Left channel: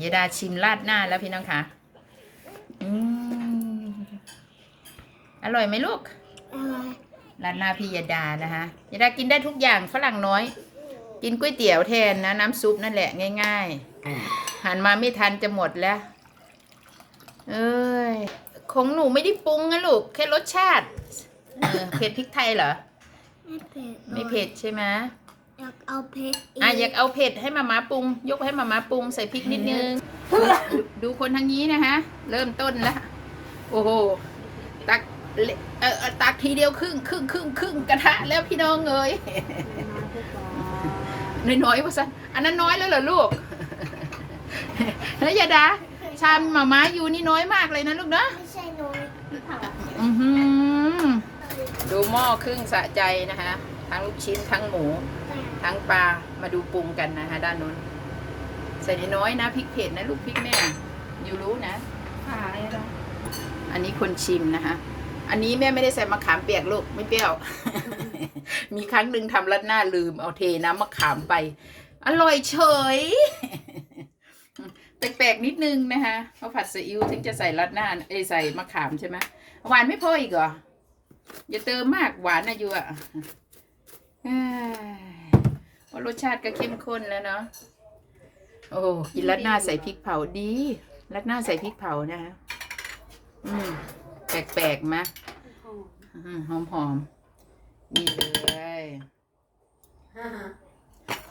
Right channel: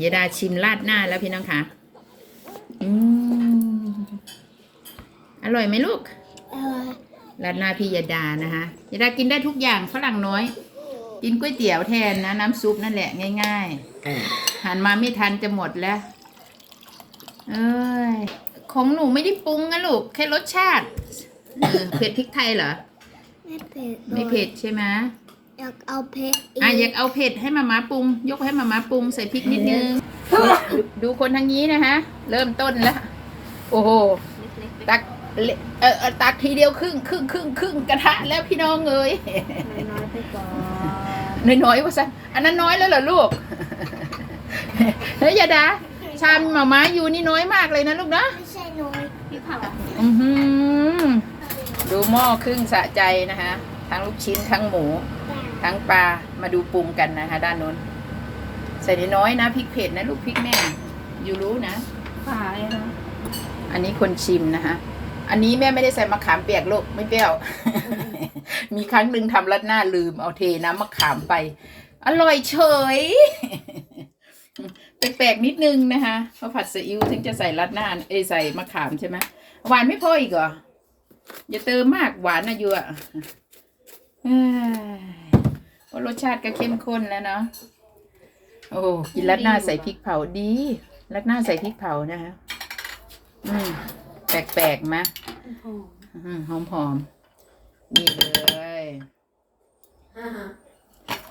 ยายดาชิมราดหน้าแล้วพี่น้องคะอืมอร่อยไหมลูกเออราดหน้าพี่ยาดานะคะยาดากินได้ทุกอย่างฝรั่งน้อย กินก๋วยเตี๋ยวแทนนะ น้ำซุปนั่นแหละง่ายๆหันมาไม่ทันจะหมดแล้ว เอ้ยของหนูไม่ได้ปรุงนะลูกแค่รสชาติเออเผ็ดพริกไทยเหรอ ไม่เผ็ดไม่เผ็ดใช่ไหม อยากเอาเผ็ดอีกอะอยากเอาเผ็ดให้มาม่าปรุง ยกให้มาม่าปรุงใส่พริกนิดนึง ดูดูคนทางนี้นะคะเริ่มต้นแล้ว โอ้โห ตักเลเออเออตักทีเดียวครึ่งครึ่งครึ่งครึ่งกระทะแล้วพี่น้องเอ้ย น้อยๆไปก่อนน้อยๆว่าสันอันนั้นน้อยแล้วเหรอลูก เฮ้ยยาดา ชามหมาม้าอยู่นี่น้อยมากเลยนะลูกนะ ไม่ใช่น้อยพี่เผาอือหือดูหม้อครึ่งสะใจนะคะทั้งลูกชิ้นทั้งหมู ทั้งปลามาดูปรุงกันนะคะด้านนู้น ใส่น้อยๆนะพริกเผ็ดนะลูกพริกแม่อยู่รู้นะฝาเลยนะอันนี้คนชิมนะคะอันนี้แม่ไม่ได้ใส่มะขามเปียกลูกไม่เปรี้ยว มีครั้งหนึ่งทำรัดหน้าลืมเอาเทน้ำมะขามไป อร่อยเฉยแปลกๆนิดนึงนะคะเพราะผัดซีอิ๊วถึงจะใส่รัดหน้าเอ้ยใส่มะขามใช่ไหมหวานไม่พออีกเหรออย่าเติมมากหวานนะยูอะเอ้ยเพ ราะรสชาติก็เข้มข้นแล้วเนาะโอ้กินรัดหน้าใส่พริกเผาดีรัดหน้าใส่พริกเผานะคะอืมแปลกๆมะหอมหอมๆนี่เลย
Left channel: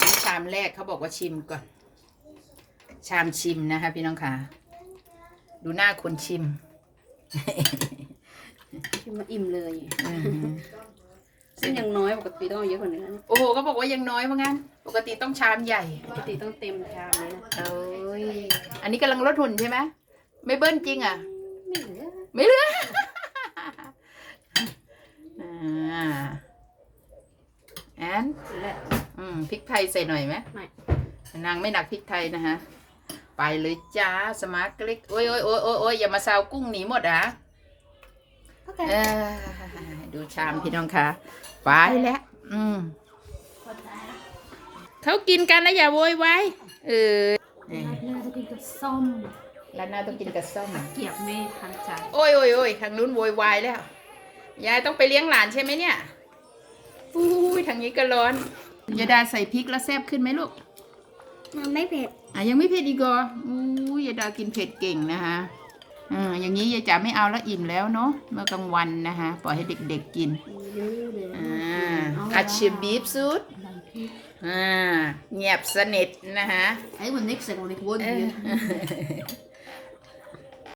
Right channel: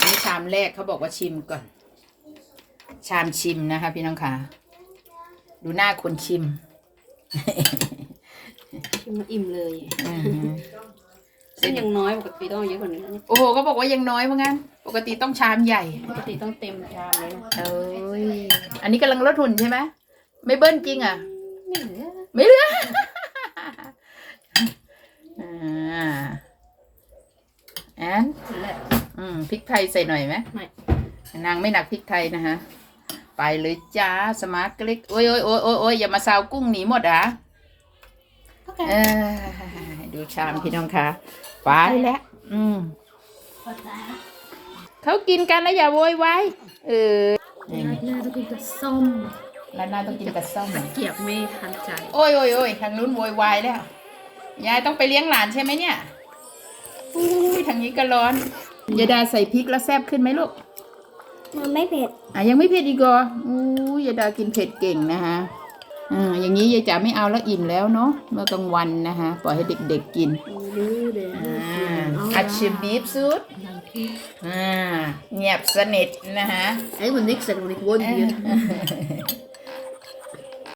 นี่ชามแรกเขาบอกว่าชิมก่อน ชามชิมนะคะ พี่น้องค่ะ ดูหน้าคนชิมกินมาอิ่มเลย อืมซึ่งยังน้อยปกติต้องเอาเยอะกว่านี้นะโอ้โหก็บอกว่ายังน้อยว่างั้น ปกติต้องชามใหญ่ ปกติต้องเต็มชามเลยนะเอ้ย อันนี้กำลังลดหุ่นใช่ไหมไม่เบิ้ลจริงอะ ไม่เหลือไม่เหลืออ่าแอนเหลืออืมพริกไทยใส่หน่อยไหมไม่นางไม่หนักพริกไทยนะฮะ ไปเลยจ้าสมาร์ทเล็กโอ้ยโอ้ยโอ้ยโอ้ยโอ้ยอย่ามาซาวกุ้งหนีหมดอะเออ ดูชามพี่น้องค่ะไปแล้วอืมเขากินกันแล้วอย่าโวยวายเออราดหน้าต้องกินกับส้มแล้วหน้าต้องกินกับส้มเกียบไม่ทันใจ โอ้ยโอ้ยโอ้ยทางนู้นโวยวายแล้ว ยายต้องไปเลี้ยงหลานใช่ไหมเนี่ยอุ้ยทางนี้ก็ร้อนยายดาใส่พริกแล้วแซ่บขึ้นไหมลูก มันไม่เผ็ด อะยังไม่เผ็ดอีกเหรออู้ยยายดากินเผ็ดเก่งนะคะ อ่าอย่างนี้ยายจ๋าไม่เอาแล้วอิ่มแล้วเนาะเมื่อกลางวันนะคะปล่อยให้เด็กๆกินรู้เลยอ่าอัดชิมบีฟซุดดังพี่อ่าเงียบสนิทนะคะไอ้วันนี้เส